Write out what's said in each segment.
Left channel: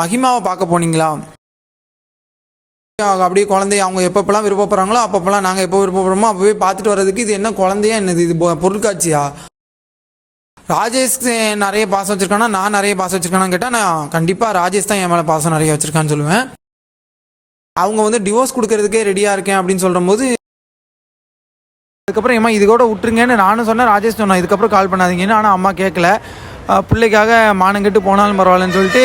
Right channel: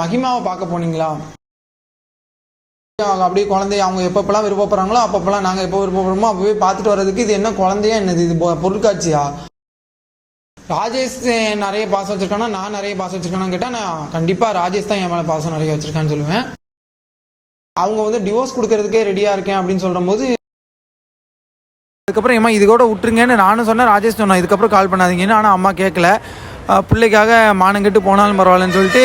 மகிமாவை பார்க்க போனீங்களா? அப்படியே குழந்தைய அவங்க எப்பப்பெல்லாம் விருப்பப்படுறாங்களோ அப்பப்பெல்லாம் நாங்கள் எப்போ விருப்பப்படுறோமோ அப்போவே பார்த்துட்டு வர்றதுக்கு இது என்ன குழந்தையா என்னது? இது பொருட்காட்சியா? ராஜேஷ் நிறைய பாசம் வச்சிருக்கானா? நான் நிறைய பாசம் வச்சிருக்கானான்னு கேட்டால் நான் கண்டிப்பாக ராஜேஷ் தான் என் மேலே பாசம் நிறைய வச்சிருக்கான்னு சொல்லுவேன். அவங்க வந்து டிவோர்ஸ் கொடுக்கறதுக்கே ரெடியாக இருக்கேன் அப்படின்னு சொல்லும் போது அதுக்கப்புறம் ஏமா இது கூட விட்டுருங்கன்னு நானும் சொன்னேன் ராஜேஷ் சொன்னேன் இதுக்கப்புறம் கால் பண்ணாதீங்கன்னு. ஆனால் அம்மா கேட்கல பிள்ளைக்காக மானம் கெட்டு போனாலும் பரவாயில்லன்னு சொல்லிட்டு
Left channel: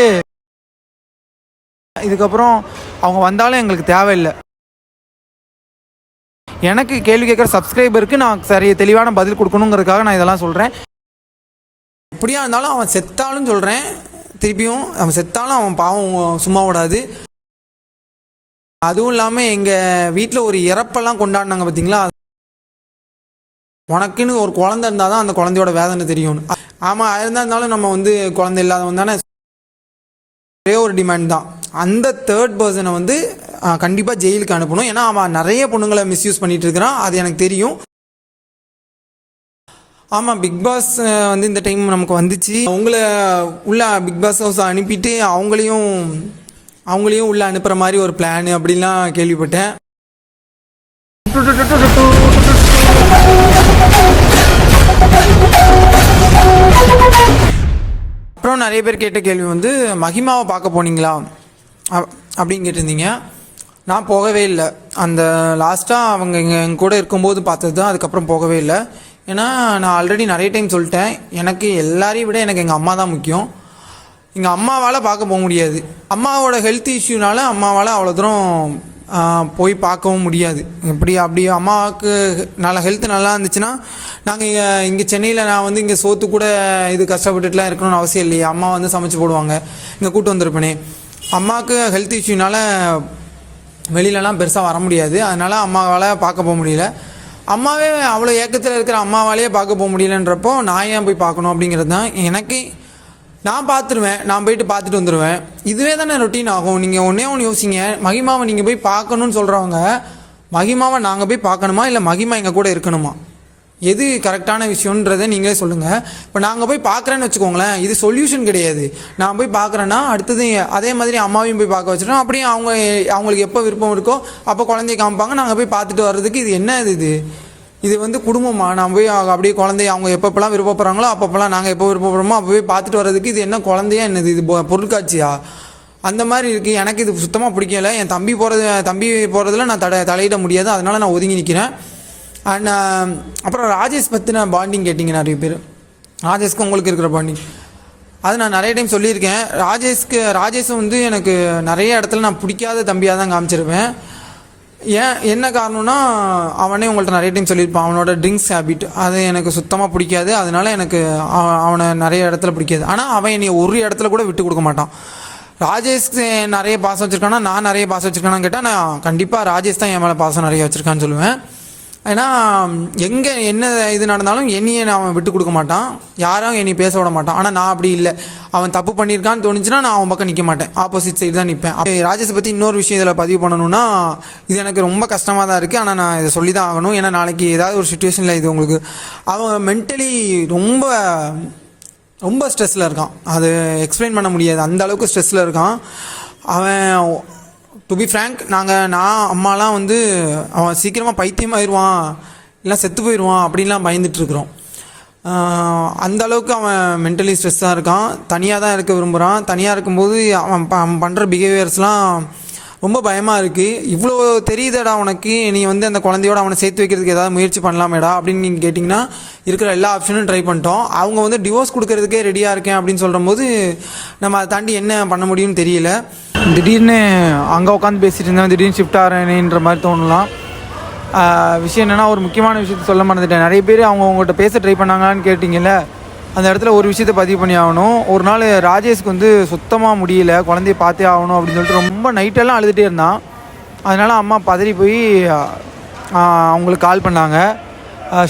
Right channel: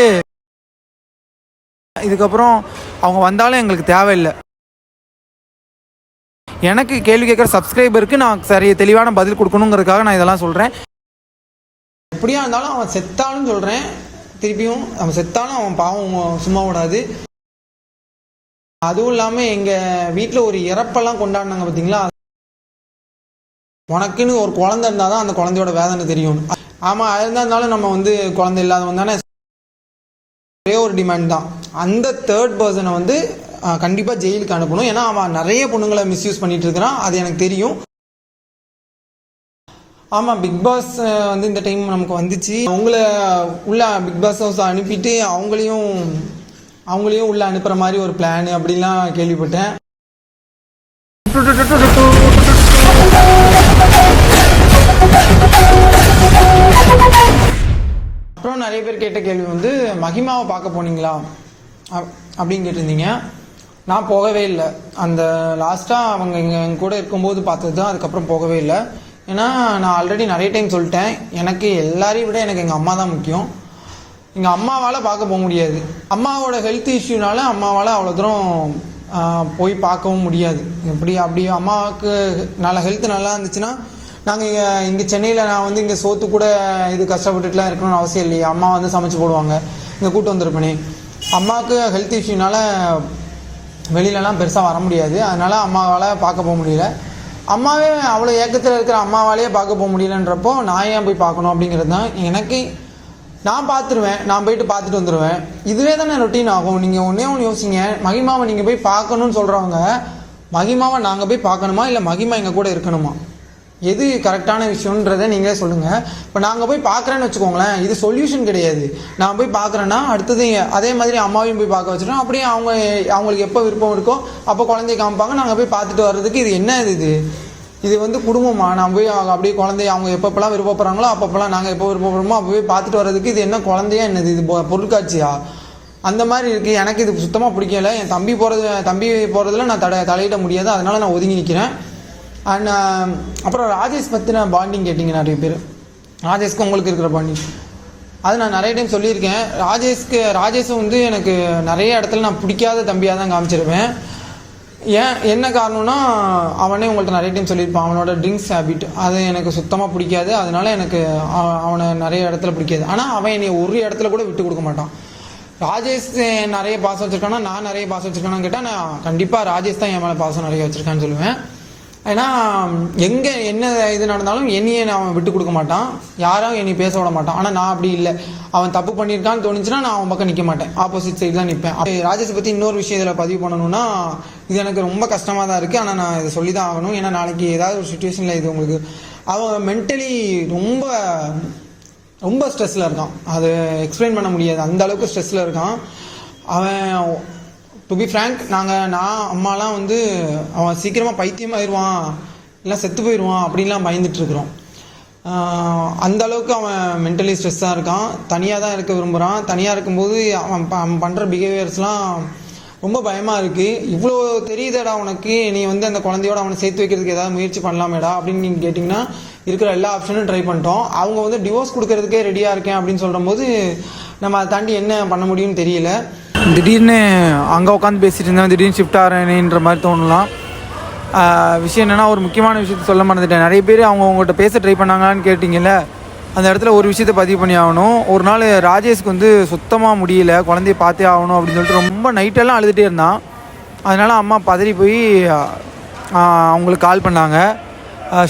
இதுக்கப்புறம் அவங்க வந்தாலும் எங்களுக்கு தேவையில்லை. எனக்கு கேள்வி கேட்குற சப்ஸ்கிரைபருக்கு நான் சரி தெளிவான பதில் கொடுக்கணுங்கிறதுக்காக நான் இதெல்லாம் சொல்கிறேன் எப்படியா இருந்தாலும் அவன் செத்தாலும் சொல்கிறேன் திருப்பியும் அவன் செத்தாலும் அவன் பாவம் சும்மா விடாது அதுவும் இல்லாமல் எங்கள் வீட்டில் ஒரு இறப்பெல்லாம் கொண்டாடினாங்க பார்த்தீங்களா உனக்குன்னு ஒரு குழந்தை இருந்தால் தான் அந்த குழந்தையோட வேதனை தெரியும். ஆமாம் இருந்தா இருந்தாலும் நம்ம வந்து குழந்தை இல்லாதவங்க தானே? ஒரே ஒரு டிமாண்ட் தான். அந்த தேர்ட் பர்சனை வந்து கண்டிப்பாக ஜெயிலுக்கு அனுப்பணும். ஏன்னா அவன் நிறைய பொண்ணுங்களை மிஸ்யூஸ் பண்ணிட்டு இருக்கிறான். அது எனக்கு தெரியும். ஆமாம் பிக் பாஸ் வந்து இந்த டைம் நமக்கு வந்துச்சு. அவங்கள உள்ள பிக் பாஸ் ஹவுஸ் அனுப்பிட்டு அவங்களையும் அவங்களையும் உள்ள அனுப்புகிற மாதிரி ஒரு பிளான் அப்படிலாம் கேள்விப்பட்டேன். அப்புறம் நிறைய பேர் கேட்ட கேள்வி வந்து மகிமாவை பார்க்க போனீங்களா? அப்படின்னு கேட்டிருந்தீங்க. நான் போகவே இல்லை. அந்த லாஸ்ட்டாக அவங்க எங்கள் எங்க கூட இருக்கும்போது பார்த்தது தான் அதுக்கப்புறம் போகவே இல்லை. ஏன்னா நான் ஆல்ரெடி நிறைய டைம் சொல்லிட்டேன். எனக்கு எல்லாரையும் விட எனக்கு எங்கள் அம்மா தான் முக்கியம். எங்கள் அம்மாவால் பார்க்க போக முடியாது. அம்மாவோட ஹெல்த் இஷ்யூனால அம்மாவால் அவ்வளோ தூரம் போய் பார்க்கவும் முடியாது. இப்படி அப்படி அம்மாவுக்கு நல்ல ஹெல்த் நல்லா இருந்துச்சுன்னா நாங்கள் இங்கே சென்னையில் நான் வந்து இங்கே சோத்து கூட இது கஷ்டப்பட்டுட்டுலாம் இருக்கணும்னு அவசியம் இல்லையே. அம்மா வந்து சமைச்சு போடுவாங்க. இங்கே கூட்டு வந்திருப்பேனே. அம்மாவுக்கு ஹெல்த் இஷ்யூனால வெளியிலலாம் பெருசாக வர முடியாது. அதனால் அம்மாவால் பார்க்க போக முடியல. அம்மாவே அவ்வளோ ஏக்கத்தில் இருக்கிற அம்மாவாலேயே பார்க்க போக முடியலன்றப்போ நான் ஏன் போய் பார்க்கணும் அப்படிங்கிறது தான் எனக்கு நான் பார்த்துருவேன். நான் போயிட்டு பார்த்துட்டு வந்துடுவேன் இதுவே தானே ரொட்டீன் ஆகும். நீங்கள் ஒன்றே ஒன்று யோசிங்க. மகிமாவை நீங்கள் போய் பார்க்கணும்னு சொல்கிறவங்க மகிமாவை நாங்கள் போய் பார்க்கணுமா? இல்லை மகிமா எங்கள் கூட இருக்கணுமா? எது கரெக்டான விஷயம்ன்றதை நீங்களே சொல்லுங்கள் இப்போ நாங்கள் போய் பார்க்குறேன்னு வச்சுக்கோங்களேன் இது சொல்யூஷன் கிடையாது. நான் போய் பார்க்குறேன்னா அடுத்தது அதே மாதிரி அம்மாவையும் போய் பார்க்க வச்சுட்டோம். அப்படியே அவங்க அவங்களுக்கு எப்போ விருப்பம் இருக்கோ அப்போ குழந்தைய காமிப்பாங்க. நாங்கள் போய் பார்த்துட்டு வர்றதுக்கு இது என்ன இது இது? இது வந்து குடும்பமா? நான் போய் அப்படியே குழந்தைய அவங்க எப்பப்பெல்லாம் விருப்பப்படுறாங்களோ அப்பப்பெல்லாம் நாங்கள் எப்போ விருப்பப்படுறோமோ அப்போ போய் பார்த்துட்டு வர்றதுக்கு இது என்ன குழந்தையா என்னது? இது பொருட்காட்சியா? அந்த மாதிரி இருக்குது எனக்கு இது சுத்தமாக பிடிக்கல. என் தம்பி போகிறது தம்பி போகிறதுல நான் தட தலையிட முடியாது. அதனால நான் ஒதுங்கி நிற்கிறேன் அண்ட் um, அப்புறம் ராஜேஷ் பற்றின பாண்டிங் கேட்டிங்க நிறைய பேர். ராஜேஷ்க்கு உங்களுக்கு இருக்கிற பாண்டிங் அது நான் நிறைய டைம் சொல்லியிருக்கேன். ராஜேஷ்க்கு ராஜேஷும் வந்து எனக்கு நிறைய இடத்துல நான் பிடிக்காத தம்பியாக தான் காமிச்சிருப்பேன். ஏன் என்ன காரணம்னா அவனே உங்கள்கிட்ட நிறைய டைம் சொல்லியிருப்பான். அவனோட ட்ரிங்க்ஸ் ஹேபிட் அது எனக்கு சுத்தமாக பிடிக்காது. அதனால எனக்கு அவனை நிறைய இடத்துல பிடிக்காது. ஆனால் அவன் என்னை ஒரு இடத்துல கூட விட்டு கொடுக்க மாட்டான். ராஜேஷ்க்கு நிறைய பாசம் வச்சுருக்கானா? நான் நிறைய பாசம் வச்சுருக்கானான்னு கேட்டால் நான் கண்டிப்பாக ராஜேஷ் தான் என் மேலே பாசம் நிறைய வச்சுருக்கான்னு சொல்லுவேன். ஏன்னா எங்கே என்ன இது நடந்தாலும் என்னையே நான் அவன் விட்டு கொடுக்க மாட்டான். யாரும் என்னை பேச விட மாட்டான். ஆனால் நான் அப்படி இல்லை. அவன் தப்பு பண்ணியிருக்கான்னு தோணுச்சுன்னா நான் அவன் பக்கம் நிற்க மாட்டேன். ஆப்போசிட் சைடு தான் நிற்பேன் ராஜேஷை பற்றி இன்னொரு விஷயம் இதில் பதிவு பண்ணணும்னா இது எனக்கு ரொம்ப கஷ்டமாக தான் இருக்குது ஆனால் நான் இதை சொல்லி தான் ஆகணும். ஏன்னா நாளைக்கு ஏதாவது ஒரு சுச்சுவேஷனில் இது உங்களுக்கு அவன் மென்டலி ரொம்ப ரொம்ப ஸ்ட்ரெஸ்ஸில் இருக்கான். அது எக்ஸ்பிளைன் பண்ண முடியாது. அந்த அளவுக்கு ஸ்ட்ரெஸ்ஸில் இருக்கான். அவன் டு பி ஃப்ரேங்க் நாங்கள் நான் அம்மாலாம் வந்து அவன் சீக்கிரமாக பைத்தியமாயிருவான் இல்லை செத்து போயிடுவான் அப்படின்லாம் பயந்துட்டுருக்குறோம் அந்த அளவுக்கு அவன் மென்டலி ஸ்ட்ரெஸ்ஸாக இருக்கான். தனியாக தான் இருக்க விரும்புகிறான் தனியாக இருக்கும்போது அவன் ப- அவன் பண்ணுற பிஹேவியர்ஸ்லாம் ரொம்ப பயமாக இருக்குது இவ்வளோ தெரியுதடா உனக்கு. நீ வந்து அந்த குழந்தையோட அவனை சேர்த்து வைக்கிறதுக்கு ஏதாவது முயற்சி பண்ணலாமேடா அப்படின்னு நீங்கள் கேட்டிங்கன்னா இருக்கிற எல்லா ஆப்ஷனும் ட்ரை பண்ணிட்டோம். அவங்க வந்து டிவோர்ஸ் கொடுக்கறதுக்கே ரெடியாக இருக்கேன் அப்படின்னு சொல்லும்போது நம்ம அதை தாண்டி என்ன பண்ண முடியும்னு தெரியல. திடீர்னு அங்கே உட்காந்து பேசிட்டு இருந்தேன் திடீர்னு ஷிஃப்ட் ஆகிறேன்ற மாதிரி தோணலாம். விஷயம் என்னென்னா ஒரு முக்கியமான விஷயத்த சொல்ல மறந்துட்டேன். நிறைய பேர் அவங்க உங்கள்கிட்ட பேச ட்ரை பண்ணாங்களான்னு கேட்டிங்கல்ல அந்த இடத்துல ஒரு விஷயத்த பதிவு பண்ணி ஆகணும். ஒரு நாள் ராஜேஷ்க்கு வந்து சுத்தமாக முடியல குழந்தைய பார்த்தே ஆகணும் அப்படின்னு சொல்லிட்டு ரொம்ப நைட்டெல்லாம் அழுதுகிட்டே இருந்தான். அதனால் அம்மா பதறி போய் அவங்களுக்கு கால் பண்ணாங்க.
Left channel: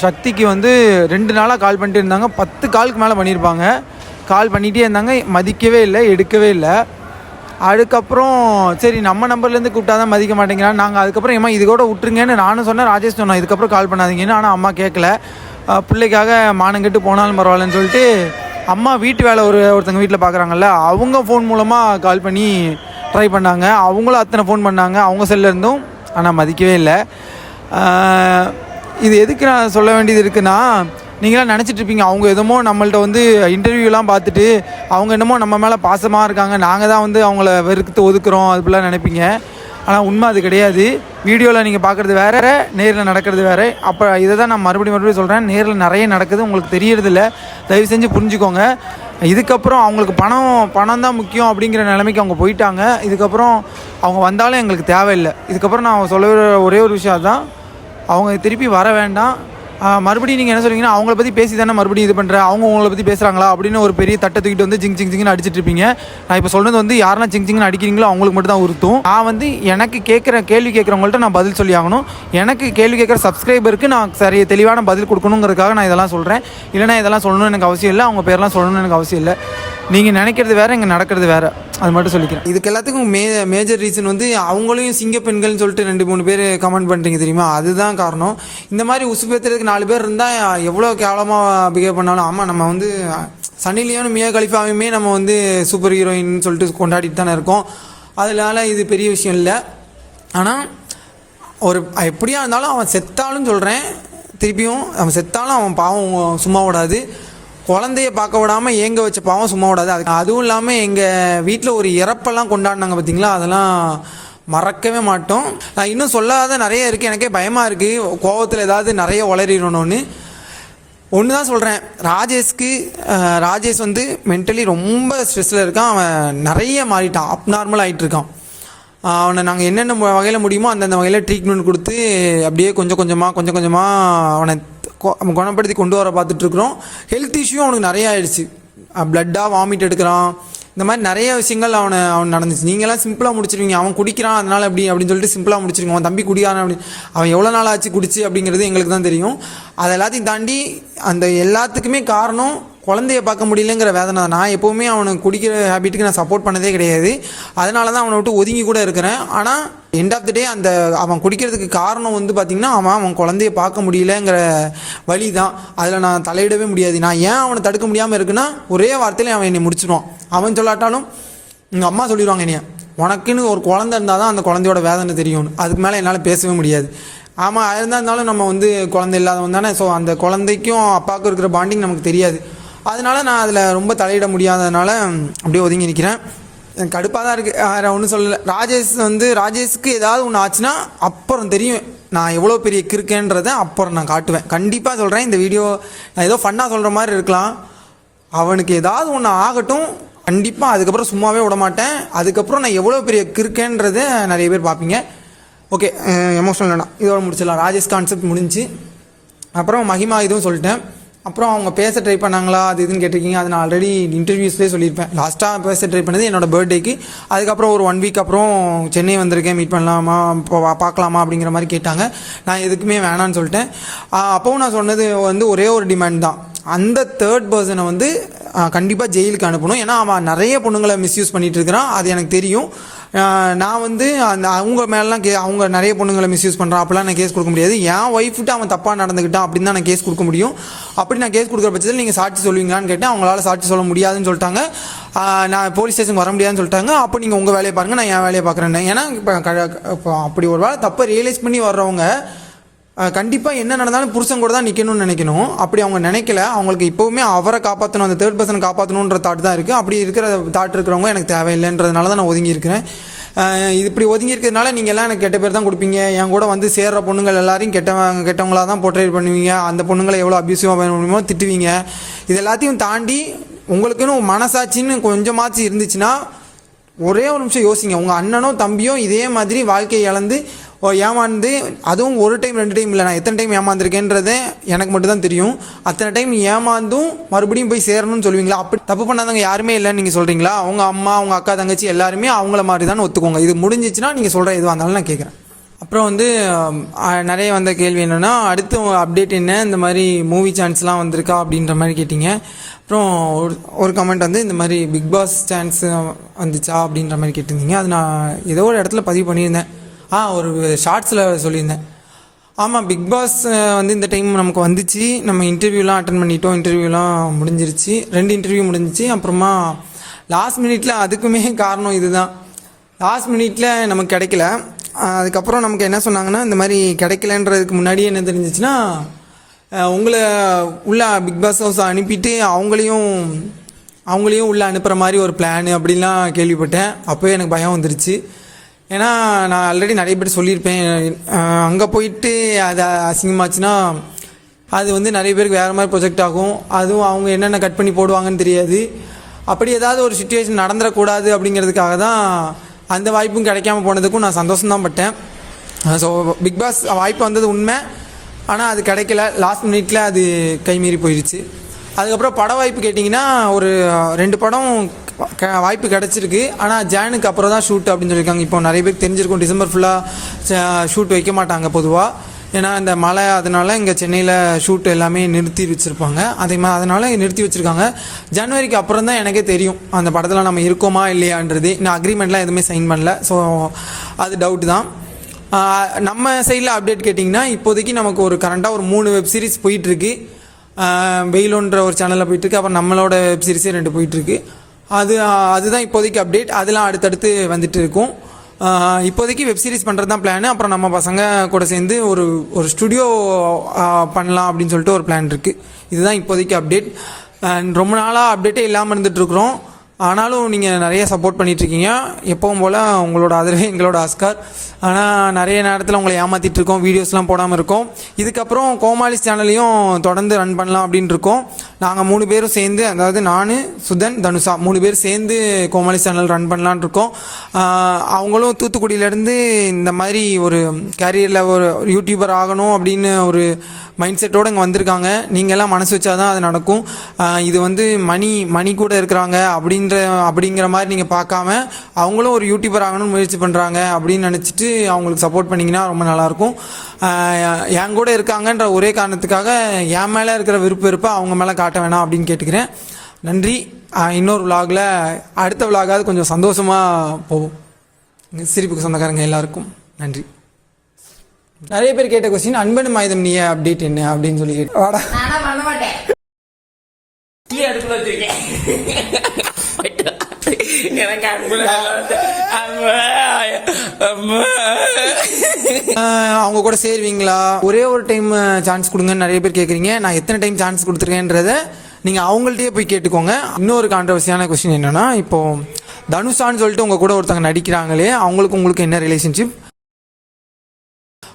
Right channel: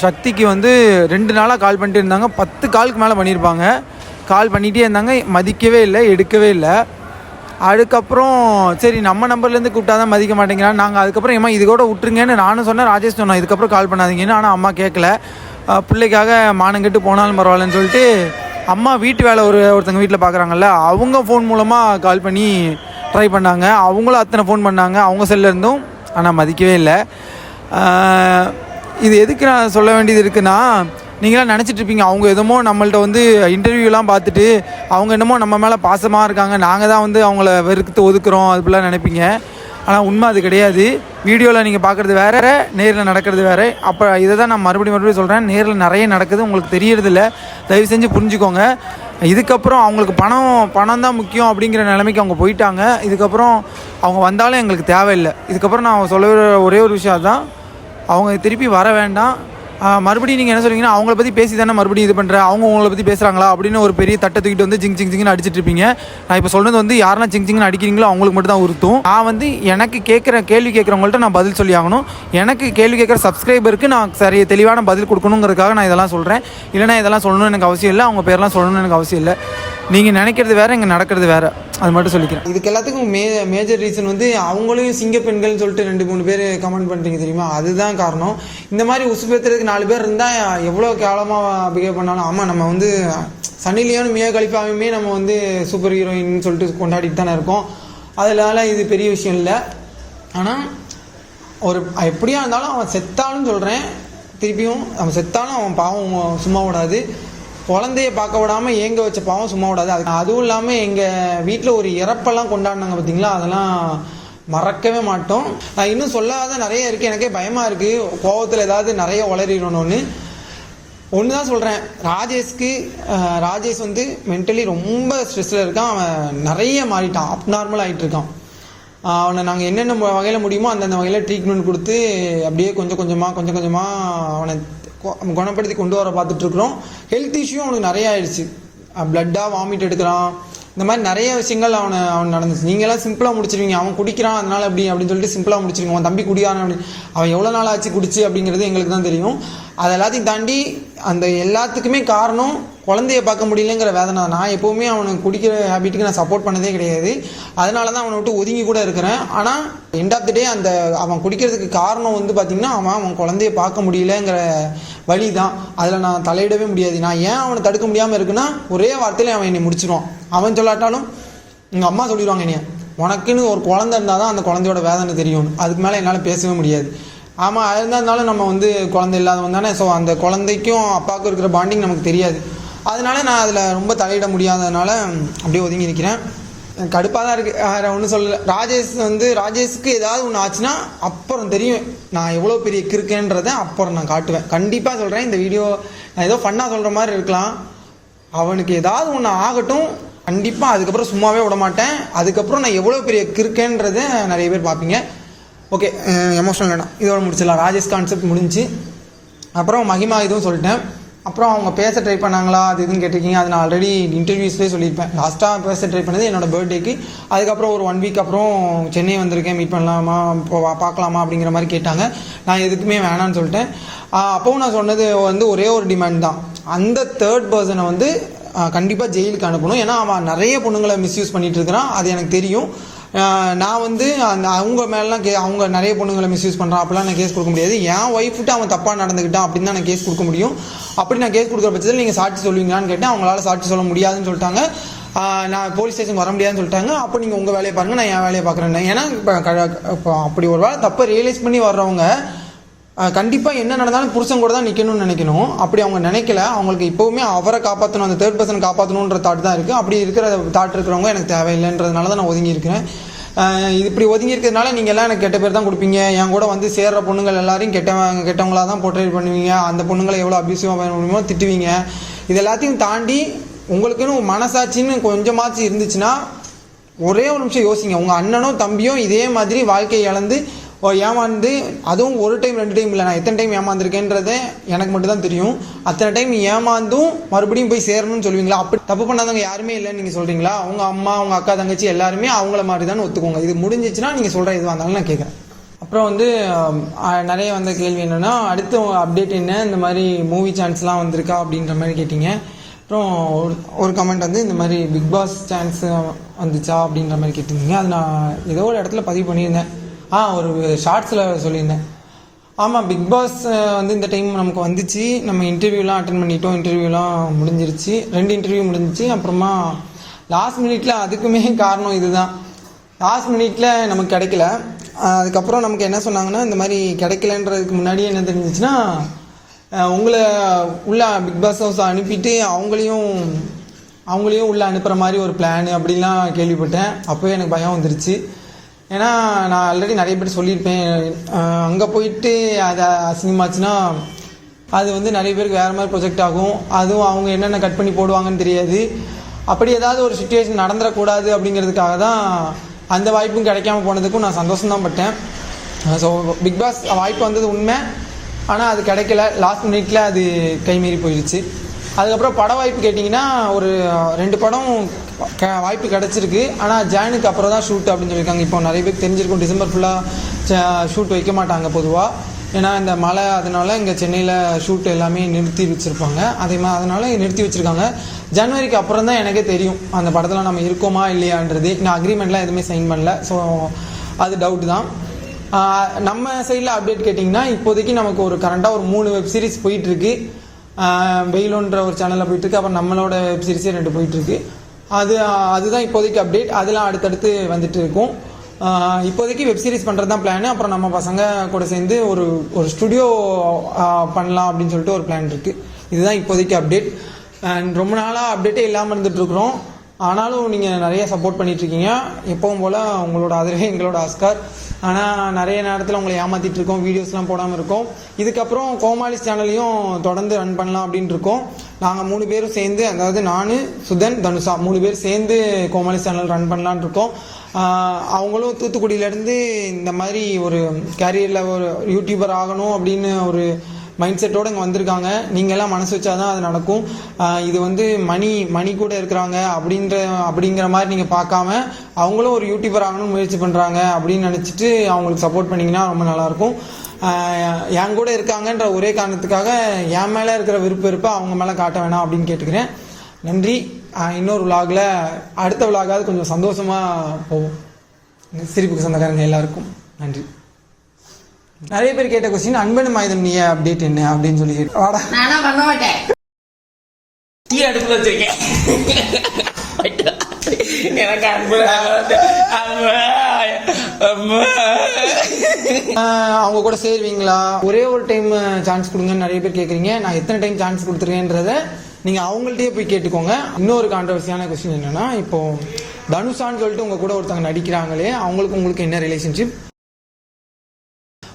சக்திக்கு வந்து ரெண்டு நாளாக கால் பண்ணிட்டு இருந்தாங்க. பத்து காலுக்கு மேலே பண்ணியிருப்பாங்க கால் பண்ணிகிட்டே இருந்தாங்க. மதிக்கவே இல்லை எடுக்கவே இல்லை. அதுக்கப்புறம் சரி நம்ம நம்பர்லேருந்து கூப்பிட்டா தான் மதிக்க மாட்டேங்கிறான் நாங்கள் அதுக்கப்புறம் ஏமா இது கூட விட்டுருங்கன்னு நானும் சொன்னேன் ராஜேஷ் சொன்னேன் இதுக்கப்புறம் கால் பண்ணாதீங்கன்னு. ஆனால் அம்மா கேட்கல பிள்ளைக்காக மானங்கெட்டு போனாலும் பரவாயில்லன்னு சொல்லிட்டு அம்மா வீட்டு வேலை ஒரு ஒருத்தங்க வீட்டில் பார்க்குறாங்கல்ல அவங்க ஃபோன் மூலமாக கால் பண்ணி ட்ரை பண்ணாங்க. அவங்களும் அத்தனை ஃபோன் பண்ணாங்க அவங்க செல்ல இருந்தும். ஆனால் மதிக்கவே இல்லை. இது எதுக்கு நான் சொல்ல வேண்டியது இருக்குன்னா நீங்களாம் நினச்சிட்ருப்பீங்க அவங்க என்னமோ நம்மள்ட்ட வந்து இன்டர்வியூலாம் பார்த்துட்டு அவங்க என்னமோ நம்ம மேலே பாசமாக இருக்காங்க நாங்கள் தான் வந்து அவங்கள வெறுத்து ஒதுக்குறோம் அதுபோலாம் நினைப்பீங்க. ஆனால் உண்மை அது கிடையாது. வீடியோவில் நீங்கள் பார்க்குறது வேறு நேரில் நடக்கிறது வேற. அப்போ இதை தான் நான் மறுபடியும் மறுபடியும் சொல்கிறேன் நேரில் நிறைய நடக்குது உங்களுக்கு தெரியறதில்ல. தயவு செஞ்சு புரிஞ்சுக்கோங்க. இதுக்கப்புறம் அவங்களுக்கு பணம் பணம் தான் முக்கியம் அப்படிங்கிற நிலைமைக்கு அவங்க போயிட்டாங்க. இதுக்கப்புறம் அவங்க வந்தாலும் எங்களுக்கு தேவையில்லை. இதுக்கப்புறம் நான் சொல்ல ஒரே ஒரு விஷயம் அதுதான். அவங்க திருப்பி வர வேண்டாம். மறுபடியும் நீங்கள் என்ன சொல்றீங்கன்னா அவங்கள பற்றி பேசி தானே மறுபடியும் இது பண்ணுறேன் அவங்க உங்களை பற்றி பேசுகிறாங்களா அப்படின்னு ஒரு பெரிய தட்டை தூக்கிட்டு வந்து ஜிங் ஜிங் ஜிங்னு அடிச்சிட்டு இருப்பீங்க. நான் இப்போ சொல்கிறது வந்து யாரெல்லாம் ஜிங் ஜிங்னு அடிக்கிறீங்களோ அவங்களுக்கு மட்டும் தான் உறுத்தும். நான் வந்து எனக்கு கேட்குற கேள்வி கேட்குறவங்கள்ட்ட நான் பதில் சொல்லி ஆகணும். எனக்கு கேள்வி கேட்குற சப்ஸ்கிரைபருக்கு நான் சரி தெளிவான பதில் கொடுக்கணுங்கிறதுக்காக நான் இதெல்லாம் சொல்கிறேன் இல்லைனா இதெல்லாம் சொல்லணும்னு எனக்கு அவசியம் இல்லை. அவங்க பேர்லாம் சொல்லணும்னு எனக்கு அவசியம் இல்லை. நீங்கள் நினைக்கிறது வேற இங்கே நடக்கிறது வேற. அது மட்டும் சொல்லிக்கிறேன். இதுக்கு எல்லாத்துக்கும் மே மேஜர் ரீசன் வந்து அவங்களையும் சிங்க பெண்கள்னு சொல்லிட்டு ரெண்டு மூணு பேர் கமெண்ட் பண்ணுறீங்க தெரியுமா? அதுதான் காரணம். இந்த மாதிரி உசுபேத்துறதுக்கு நாலு பேர் இருந்தால் எவ்வளோ கேவலமாக பிஹேவ் பண்ணாலும் ஆமாம் நம்ம வந்து சனிலேயும் லியோனும் மியா கலிஃபாவையுமே நம்ம வந்து சூப்பர் ஹீரோயின் சொல்லிட்டு கொண்டாடிட்டு தானே இருக்கோம். அதனால இது பெரிய விஷயம் இல்லை. ஆனால் ஒரு எப்படியா இருந்தாலும் அவன் செத்தாலும் சொல்கிறேன் திருப்பியும் அவன் செத்தாலும் அவன் பாவம் சும்மா விடாது குழந்தைய பார்க்க விடாமல் ஏங்க வச்ச பாவம் சும்மா விடாது. அது அதுவும் இல்லாமல் எங்கள் வீட்டில் ஒரு இறப்பெல்லாம் கொண்டாடினாங்க பார்த்தீங்களா அதெல்லாம் மறக்கவே மாட்டோம். நான் இன்னும் சொல்லாத நிறைய இருக்குது எனக்கே பயமாக இருக்குது கோபத்தில் ஏதாவது நிறைய உளறிடணும்னு. ஒன்று தான் சொல்கிறேன் ராஜேஷ்க்கு ராஜேஷ் வந்து மென்டலி ரொம்ப ஸ்ட்ரெஸ்ஸில் இருக்கான். அவன் நிறைய மாறிட்டான். அப் நார்மல் ஆகிட்டு இருக்கான் அவனை நாங்கள் என்னென்ன வகையில் முடியுமோ அந்தந்த வகையில் ட்ரீட்மெண்ட் கொடுத்து அப்படியே கொஞ்சம் கொஞ்சமாக கொஞ்சம் கொஞ்சமாக அவனை குணப்படுத்தி கொண்டு வர பார்த்துட்ருக்குறோம். ஹெல்த் இஷ்யூ அவனுக்கு நிறைய ஆயிடுச்சு. பிளட்டாக வாமிட் எடுக்கிறான். இந்த மாதிரி நிறைய விஷயங்கள் அவனை அவன் நடந்துச்சு. நீங்களாம் சிம்பிளாக முடிச்சிருவீங்க. அவன் குடிக்கிறான் அதனால் அப்படி அப்படின்னு சொல்லிட்டு சிம்பிளாக முடிச்சிருங்க. அவன் தம்பி குடியான் அப்படி. அவன் எவ்வளோ நாள் ஆச்சு குடிச்சு அப்படிங்கிறது எங்களுக்கு தான் தெரியும். அது எல்லாத்தையும் தாண்டி அந்த எல்லாத்துக்குமே காரணம் குழந்தைய பார்க்க முடியலங்கிற வேதனை நான் எப்போவுமே அவனுக்கு குடிக்கிற ஹேபிட்டுக்கு நான் சப்போர்ட் பண்ணதே கிடையாது. அதனால தான் அவனை விட்டு ஒதுங்கி கூட இருக்கிறேன். ஆனால் எண்ட் ஆஃப் த டே அந்த அவன் குடிக்கிறதுக்கு காரணம் வந்து பார்த்திங்கன்னா அவன் அவன் குழந்தைய பார்க்க முடியலங்கிற வழி தான். அதில் நான் தலையிடவே முடியாது. நான் ஏன் அவனை தடுக்க முடியாமல் இருக்குன்னா ஒரே வார்த்தையில அவன் என்னை முடிச்சிடுவான். அவன் சொல்லாட்டாலும் எங்கள் அம்மா சொல்லிடுவாங்க என்னைய. உனக்குன்னு ஒரு குழந்தை இருந்தால் தான் அந்த குழந்தையோட வேதனை தெரியும் அதுக்கு மேலே என்னால் பேசவே முடியாது. ஆமாம் இருந்தாலும் நம்ம வந்து குழந்தை இல்லாதவங்க தானே. ஸோ அந்த குழந்தைக்கும் அப்பாவுக்கும் இருக்கிற பாண்டிங் நமக்கு தெரியாது. அதனால நான் அதில் ரொம்ப தலையிட முடியாததுனால அப்படியே ஒதுங்கி நிற்கிறேன் எனக்கு கடுப்பாக தான் இருக்குது வேறு ஒன்றும் சொல்லலை. ராஜேஷ் வந்து ராஜேஷ்க்கு ஏதாவது ஒன்று ஆச்சுன்னா அப்புறம் தெரியும். நான் எவ்வளோ பெரிய கிறுக்கேன்றதை அப்புறம் நான் காட்டுவேன். கண்டிப்பாக சொல்கிறேன் இந்த வீடியோ நான் ஏதோ ஃபன்னாக சொல்கிற மாதிரி இருக்கலாம். அவனுக்கு ஏதாவது ஒன்று ஆகட்டும். கண்டிப்பாக அதுக்கப்புறம் சும்மாவே விட மாட்டேன் அதுக்கப்புறம் நான் எவ்வளோ பெரிய கிறுக்கேன்றதை நிறைய பேர் பார்ப்பீங்க. ஓகே எமோஷனல் வேணாம் இதோட முடிச்சிடலாம். ராஜேஷ் கான்செப்ட் முடிஞ்சு. அப்புறம் மகிமா இதுவும் சொல்லிட்டேன். அப்புறம் அவங்க பேச ட்ரை பண்ணாங்களா? அது இதுன்னு கேட்டிருக்கீங்க. அது நான் ஆல்ரெடி இன்டர்வியூஸ்லேயே சொல்லியிருப்பேன். லாஸ்ட்டாக பேச ட்ரை பண்ணது என்னோட பர்த்டேக்கு அதுக்கப்புறம் ஒரு ஒன் வீக் அப்புறம் சென்னை வந்திருக்கேன். மீட் பண்ணலாமா? இப்போ பார்க்கலாமா? அப்படிங்கிற மாதிரி கேட்டாங்க. நான் எதுக்குமே வேணான்னு சொல்லிட்டேன். அப்போவும் நான் சொன்னது வந்து ஒரே ஒரு டிமாண்ட் தான். அந்த தேர்ட் பர்சனை வந்து கண்டிப்பாக ஜெயிலுக்கு அனுப்பணும். ஏன்னா அவன் நிறைய பொண்ணுங்களை மிஸ்யூஸ் பண்ணிகிட்டு இருக்கிறான். அது எனக்கு தெரியும். நான் வந்து அந்த அவங்க மேலாம் கே அவங்க நிறைய பொண்ணுங்களை மிஸ்யூஸ் பண்ணுறான் அப்படிலாம் நான் கேஸ் கொடுக்க முடியாது. என் ஒய்ஃப்ட்டு அவன் தப்பாக நடந்துக்கிட்டான் அப்படின்னு தான் நான் கேஸ் கொடுக்க முடியும். அப்படி நான் கேஸ் கொடுக்குற பட்சத்தில் நீங்கள் சாட்சி சொல்லுவீங்களான்னு கேட்டேன். அவங்களால சாட்சி சொல்ல முடியாதுன்னு சொல்லிட்டாங்க. நான் போலீஸ் ஸ்டேஷன் வர முடியாதுன்னு சொல்லிட்டாங்க. அப்போ நீங்கள் உங்கள் வேலையை பாருங்கள் நான் என் வேலையை பார்க்குறேன் ஏன்னா இப்போ இப்போ அப்படி ஒரு வேளை தப்பை ரியலைஸ் பண்ணி வர்றவங்க கண்டிப்பாக என்ன நடந்தாலும் புருஷன் கூட தான் நிற்கணும்னு நினைக்கணும். அப்படி அவங்க நினைக்கல அவங்களுக்கு இப்போவுமே அவரை காப்பாற்றணும் அந்த தேர்ட் பர்சன் காப்பாற்றணுன்ற தாட் தான் இருக்குது அப்படி இருக்கிற தாட் இருக்கிறவங்க எனக்கு தேவையில்லைன்றதுனால தான் நான் ஒதுங்கி இருக்கிறேன் இது இப்படி ஒதுங்கி இருக்கிறதுனால நீங்கள் எல்லாம் எனக்கு கெட்ட பேர் தான் கொடுப்பீங்க. என் கூட வந்து சேர்ற பொண்ணுங்கள் எல்லாரையும் கெட்டவங்க கெட்டவங்களாக தான் போர்ட்ரேட் பண்ணுவீங்க. அந்த பொண்ணுங்களை எவ்வளோ அபியூசிவாக பண்ண முடியுமோ திட்டுவீங்க. இது எல்லாத்தையும் தாண்டி உங்களுக்குன்னு மனசாட்சின்னு கொஞ்சமாச்சும் இருந்துச்சுன்னா ஒரே ஒரு நிமிஷம் யோசிங்க. உங்கள் அண்ணனோ தம்பியோ இதே மாதிரி வாழ்க்கையை இழந்து ஏமாந்து அதுவும் ஒரு டைம் ரெண்டு டைம் இல்லை நான் எத்தனை டைம் ஏமாந்துருக்கேன்றதே எனக்கு மட்டும் தான் தெரியும். அத்தனை டைம் ஏமாந்தும் மறுபடியும் போய் சேரணும்னு சொல்லுவீங்களா? அப்படி தப்பு பண்ணாதவங்க யாருமே இல்லைன்னு நீங்கள் சொல்கிறீங்களா அவங்க அம்மா அவங்க அக்கா தங்கச்சி எல்லாருமே அவங்கள மாதிரி தான் ஒத்துக்கோங்க. இது முடிஞ்சிச்சுன்னா நீங்கள் சொல்கிற எதுவாக இருந்தாலும் நான் கேட்குறேன் அப்புறம் வந்து நிறைய வந்த கேள்வி என்னென்னா அடுத்து அப்டேட் என்ன? இந்த மாதிரி மூவி சான்ஸ்லாம் வந்திருக்கா? அப்படின்ற மாதிரி கேட்டிங்க. அப்புறம் ஒரு ஒரு கமெண்ட் வந்து இந்த மாதிரி பிக் பாஸ் சான்ஸ் வந்துச்சா? அப்படின்ற மாதிரி கேட்டிருந்தீங்க. அது நான் ஏதோ ஒரு இடத்துல பதிவு பண்ணியிருந்தேன். ஆ ஒரு ஷார்ட்ஸில் சொல்லியிருந்தேன். ஆமாம் பிக் பாஸ் வந்து இந்த டைம் நமக்கு வந்துச்சு. நம்ம இன்டர்வியூலாம் அட்டன் பண்ணிட்டோம். இன்டர்வியூலாம் முடிஞ்சிருச்சு. ரெண்டு இன்டர்வியூ முடிஞ்சிச்சு. அப்புறமா லாஸ்ட் மினிட்ல அதுக்குமே காரணம் இதுதான். லாஸ்ட் மினிட்ல நமக்கு கிடைக்கல. அதுக்கப்புறம் நமக்கு என்ன சொன்னாங்கன்னா இந்த மாதிரி கிடைக்கலன்றதுக்கு முன்னாடியே என்ன தெரிஞ்சிச்சுன்னா உங்களை உள்ள பிக் பாஸ் ஹவுஸ் அனுப்பிட்டு அவங்களையும் அவங்களையும் உள்ளே அனுப்புகிற மாதிரி ஒரு பிளான் அப்படிலாம் கேள்விப்பட்டேன். அப்போவே எனக்கு பயம் வந்துருச்சு. ஏன்னா நான் ஆல்ரெடி நிறைய பேர் சொல்லியிருப்பேன். அங்கே போயிட்டு அது அசிங்கமாச்சுன்னா அது வந்து நிறைய பேருக்கு வேறு மாதிரி ப்ரொஜெக்ட் ஆகும். அதுவும் அவங்க என்னென்ன கட் பண்ணி போடுவாங்கன்னு தெரியாது. அப்படி ஏதாவது ஒரு சுச்சுவேஷன் நடந்துடக்கூடாது அப்படிங்கிறதுக்காக தான் அந்த வாய்ப்பும் கிடைக்காம போனதுக்கும் நான் சந்தோஷம் தான் பட்டேன். ஸோ பிக் பாஸ் வாய்ப்பு வந்தது உண்மை. ஆனால் அது கிடைக்கல. லாஸ்ட் மினிட்ல அது கைமீறி போயிடுச்சு அதுக்கப்புறம் பட வாய்ப்பு கேட்டிங்கன்னா ஒரு ரெண்டு படம் வாய்ப்பு கிடச்சிருக்கு. ஆனால் ஜானுக்கு அப்புறம் தான் ஷூட் அப்படின்னு சொல்லியிருக்காங்க. இப்போ நிறைய பேருக்கு தெரிஞ்சிருக்கும். டிசம்பர் ஃபுல்லாக ஷூட் வைக்க மாட்டாங்க பொதுவாக ஏன்னா இந்த மழை அதனால இங்கே சென்னையில் ஷூட் எல்லாமே நிறுத்தி வச்சுருப்பாங்க. அதே மாதிரி அதனால நிறுத்தி வச்சுருக்காங்க. ஜனவரிக்கு அப்புறம் தான் எனக்கே தெரியும். அந்த படத்தில் நம்ம இருக்கோமா இல்லையான்றது. இன்னும் அக்ரிமெண்ட்லாம் எதுவுமே சைன் பண்ணல. ஸோ அது டவுட் தான். நம்ம சைடில் அப்டேட் கேட்டிங்கன்னா இப்போதைக்கு நமக்கு ஒரு கரண்ட்டாக ஒரு மூணு வெப் சீரிஸ் போயிட்டுருக்கு வெயிலுன்ற ஒரு சேனலில் போயிட்டுருக்கு அப்புறம் நம்மளோட வெப் சீரிஸே ரெண்டு போயிட்டுருக்கு அது அதுதான் இப்போதைக்கு அப்டேட் அதெல்லாம் அடுத்தடுத்து வந்துட்டு இருக்கும். இப்போதைக்கு வெப் சீரிஸ் பண்ணுறது தான் பிளான் அப்புறம் நம்ம பசங்க கூட சேர்ந்து ஒரு ஒரு ஸ்டுடியோ பண்ணலாம் அப்படின்னு சொல்லிட்டு ஒரு பிளான் இருக்குது இதுதான் இப்போதைக்கு அப்டேட் அண்ட் ரொம்ப நாளாக அப்டேட்டே இல்லாமல் இருந்துகிட்ருக்குறோம் ஆனாலும் நீங்கள் நிறைய சப்போர்ட் பண்ணிகிட்ருக்கீங்க எப்பவும் போல் உங்களோட ஆதரவு எங்களோட ஆஸ்கார் ஆனால் நிறைய நேரத்தில் உங்களை ஏமாற்றிட்டு இருக்கோம். வீடியோஸ்லாம் போடாமல் இருக்கோம். இதுக்கப்புறம் கோமாளிஸ் சேனலையும் தொடர்ந்து ரன் பண்ணலாம் அப்படின்னு இருக்கோம். நாங்கள் மூணு பேரும் சேர்ந்து அதாவது நான் சுதன் தனுஷா மூணு பேர் சேர்ந்து கோமாளி சேனல் ரன் பண்ணலான் இருக்கோம். அவங்களும் தூத்துக்குடியிலேருந்து இந்த மாதிரி ஒரு கேரியரில் ஒரு யூடியூபர் ஆகணும் அப்படின்னு ஒரு மைண்ட் செட்டோடு இங்கே வந்திருக்காங்க. நீங்கள்லாம் மனசு வச்சாதான் அது நடக்கும். இது வந்து மணி மணி கூட இருக்கிறாங்க அப்படின்ற அப்படிங்கிற மாதிரி நீங்கள் பார்க்காம அவங்களும் ஒரு யூடியூபர் ஆகணும்னு முயற்சி பண்ணுறாங்க அப்படின்னு நினச்சிட்டு அவங்களுக்கு சப்போர்ட் பண்ணிங்கன்னா ரொம்ப நல்லாயிருக்கும். என் கூட இருக்காங்கன்ற ஒரே காரணத்துக்காக என் மேலே இருக்கிற விருப்ப விருப்ப அவங்க மேலே காட்ட வேணாம் அப்படின்னு கேட்டுக்கிறேன். நன்றி. இன்னொரு விலாகில் அடுத்த விலாகாவது கொஞ்சம் சந்தோஷமாக போகும் சிரிப்புக்கு சொந்தக்காரங்க எல்லாருக்கும் நன்றி. நிறைய பேர் கேட்ட கொஸ்டின் அன்பன் மாயுதம் நீ அப்டேட் என்ன? அப்படின்னு சொல்லி கேட்டு வாடா. நானா பண்ண மாட்டேன்? டீ அடுப்புல வச்சிருக்கேன். எனக்கு அவங்க கூட சேருவீங்களா? ஒரே ஒரு டைம் சான்ஸ் கொடுங்கன்னு நிறைய பேர் கேட்குறீங்க நான் எத்தனை டைம் சான்ஸ் கொடுத்துருக்கேன்றத நீங்கள் அவங்கள்ட்டயே போய் கேட்டுக்கோங்க. இன்னொரு கான்ட்ரவர்சியான கொஸ்டின் என்னன்னா இப்போ தனுஷான்னு சொல்லிட்டு உங்க கூட ஒருத்தங்க நடிக்கிறாங்களே அவங்களுக்கு உங்களுக்கு என்ன ரிலேஷன்ஷிப்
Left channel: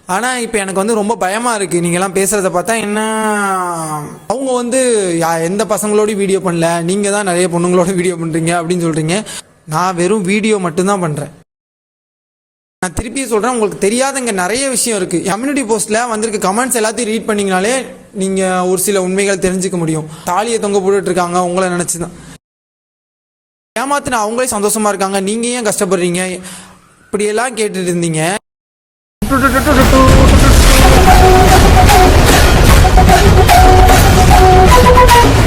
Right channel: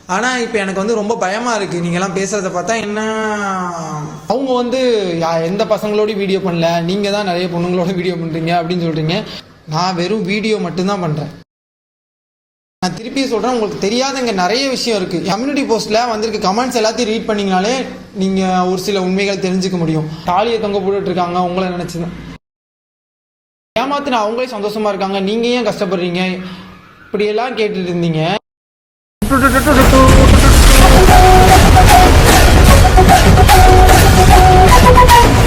ஆனா இப்போ எனக்கு வந்து ரொம்ப பயமா இருக்கு. நீங்க எல்லாம் பேசுறத பார்த்தா என்ன அவங்க வந்து யா- எந்த பசங்களோட வீடியோ பண்ணல. நீங்க தான் நிறைய பொண்ணுங்களோட வீடியோ பண்றீங்க அப்படின்னு சொல்றீங்க. நான் வெறும் வீடியோ மட்டும்தான் பண்றேன். நான் திருப்பி சொல்கிறேன் உங்களுக்கு தெரியாதங்க நிறைய விஷயம் இருக்குது கம்யூனிட்டி போஸ்ட்டில் வந்திருக்க. கமெண்ட்ஸ் எல்லாத்தையும் ரீட் பண்ணிங்கனாலே நீங்கள் ஒரு சில உண்மைகள் தெரிஞ்சுக்க முடியும். தாலியை தொங்க போட்டுட்ருக்காங்க உங்களை நினச்சி தான் ஏமாத்தின அவங்களே சந்தோஷமாக இருக்காங்க நீங்கள் ஏன் கஷ்டப்படுறீங்க? இப்படியெல்லாம் கேட்டுட்டு இருந்தீங்க. Thank